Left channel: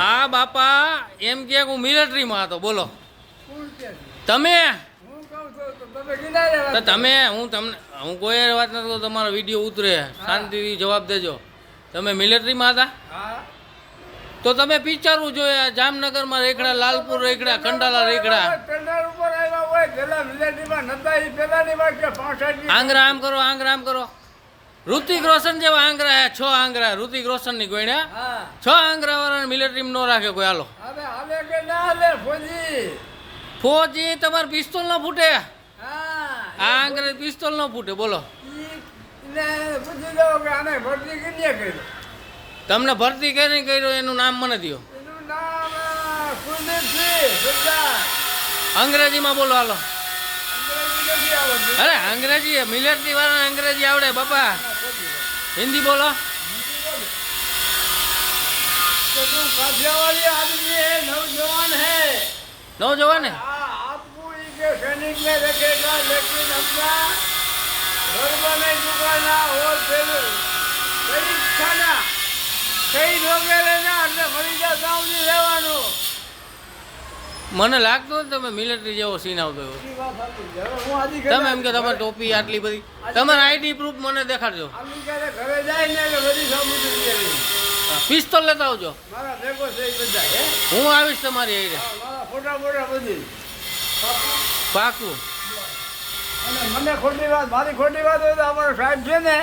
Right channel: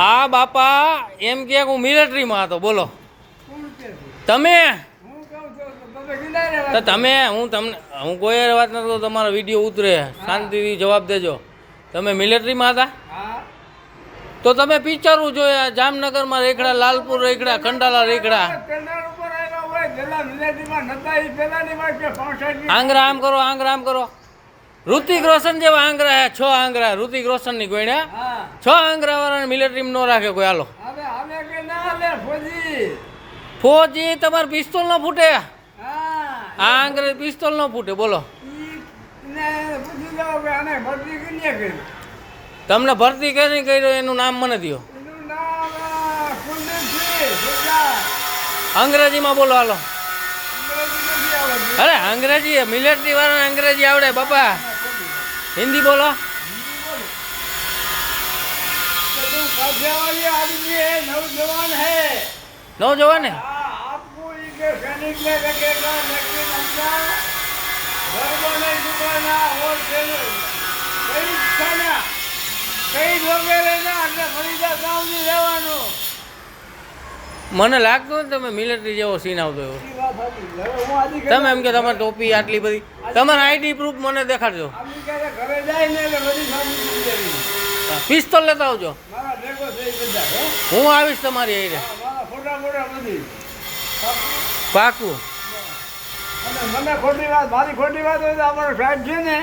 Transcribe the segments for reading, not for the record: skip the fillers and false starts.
આ બાપા એમ કે હું મિલિટરીમાં હતો. બોલો તમે તો તમે હું કોઈ વાત નથી કરતો. તમારો વિડીયો ઉતરે, શાંતિથી જવાબ દેજો. તમે મિલિટરીમાં હતા તો તમે પિક્ચરો જોયા. જામનગરમાં રેખડા, લાલપુર રેખડા, ખંડાલા રેખડા. આંગરા આમ કરો, આંગરા આમ કરો. ઋતિક રોશન જેવા આંગરા હે, 6 આંગરા ઋતિક રોશન ની ગોણ્યા. 6 આંગરા વાળાને મિલિટરીમાં નો રાખે કોઈ. હાલો ફોજી તમારે પિસ્તોલ ન ફૂટે. આ આંગરે પિસ્તોલ ન ફૂટે. બોલો તમને ભરતી કરી કર્યો એનું નામ મને દો. અંગ્રેજીમાં બોલો. હાલો અરે અંગ્રેજી મિલિટરી વાળાને અંગ્રેજી આવડે બાપા. હિન્દી બોલો. नौजवान है आपको ये सैनिक में रखेगा लेकिन अपना घर नहीं चुकाना और कई खाना कई लोगे लेना એટલે ફરીદા સાવની રહેવાનું. મને લાગતું ને તમે મિલિટરી જેવો સીન આવતો એવો. તમે એમ કે તમારી ટોપી આટલી બધી, તમારા આઈડી પ્રૂફ મને દેખાડજો. ઘરે જાય ને બધી સામગ્રી પિસ્તોલ લેતા આવજો. હું આવીશ તમારી આઈડે પાકું. અને મને ખોટી વાત, મારી ખોટી વાત હોય તો અમારો સાહેબ છે ને,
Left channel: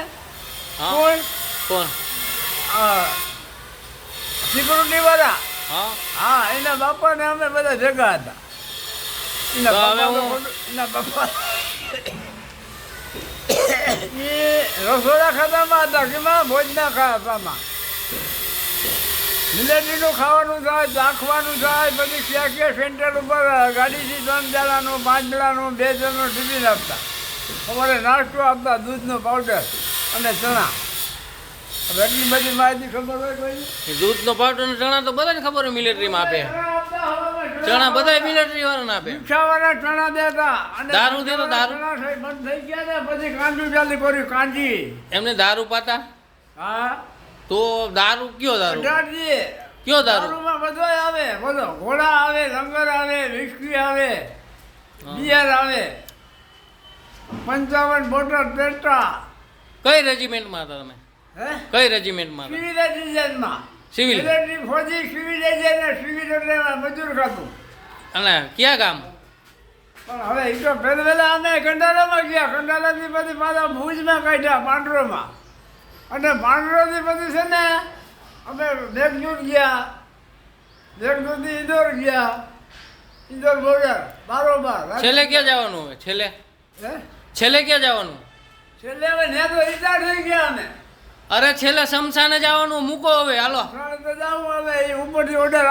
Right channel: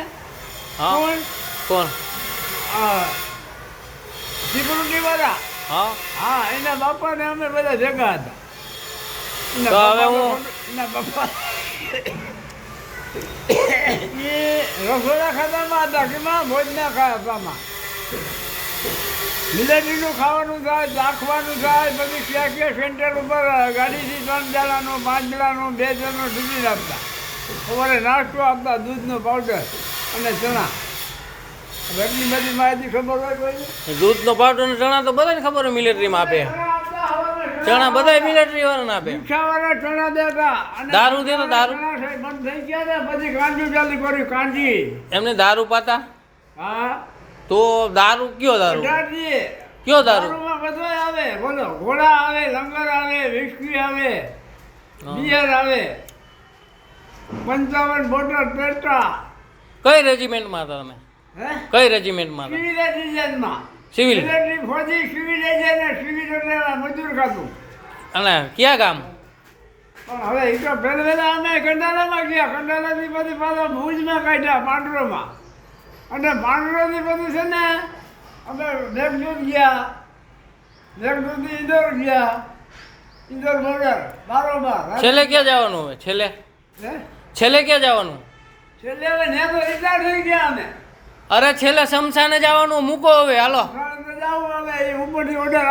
હા કોણ, સિક્યુરિટી વાળા, હા હા, એના બાપાને અમે બધા જગા હતા. એના બાપા એ રસોડા ખાતામાં હતા. કેમાં ભોજના ખાતામાં મિલિટરીનું ખાવાનું થાય, રાખવાનું થાય. પછી ક્યાં ક્યાં સેન્ટર ઉપર ગાડીથી 3 દાડાનો 5 દાડાનો 2 જણનો ટિફિન આપતા. સવારે નાસ્તો આપતા, દૂધનો પાવડર અને ચણા. એટલી બધી માહિતી ખબર હોય કોઈ? દૂધનો પાવડર અને ચણા તો બધાને ખબર હોય મિલિટરીમાં આપે. ચણા બધા મિલિટરી વાળાને આપે. રિક્ષાવાળા ચણા દેતા. દારૂ દેતો, દારૂ બંધ થઈ ગયા ને પછી કાંજી ચાલુ કર્યું. કાંજી એમને દારૂ પાતા. હા તો દારૂ કયો દારૂ? કયો દારૂ? બધા આવે. બોલો ઘોડા આવે, લંગર આવે, વિસ્કી આવે, બિયર આવે, 55 બોટલ પેટા. કઈ રેજિમેન્ટમાં હતા તમે? કઈ રેજિમેન્ટમાં હતા? સિવિલ એજન્ટમાં. સિવિલ ફોજી સિવિલ એજન્ટ ને સિવિલ એટલે મજૂર ખાતું. અને ક્યાં ગામ? પણ હવે એ તો પહેલા અમે કંડાલામાં ગયા. કંડાલાથી પછી પાછા ભુજમાં કાઢ્યા, પાંડરોમાં. અને પાંડરોથી પછી છે ને અમે મેઘદૂત ગયા, મેઘદૂતથી ઇન્દોર ગયા, ઇન્દોર બોર્ડર બારોબાર. છેલ્લે ક્યાં જવાનું હવે? છેલ્લે છેલ્લે ક્યાં જવાનું? છેલ્લે હવે ને તો રિટાયર થઈ ગયા અમે. અરે છેલ્લે શમશાને જવાનું. મૂકો હવે. હાલો જવું હવે ઉપરથી ઓર્ડર.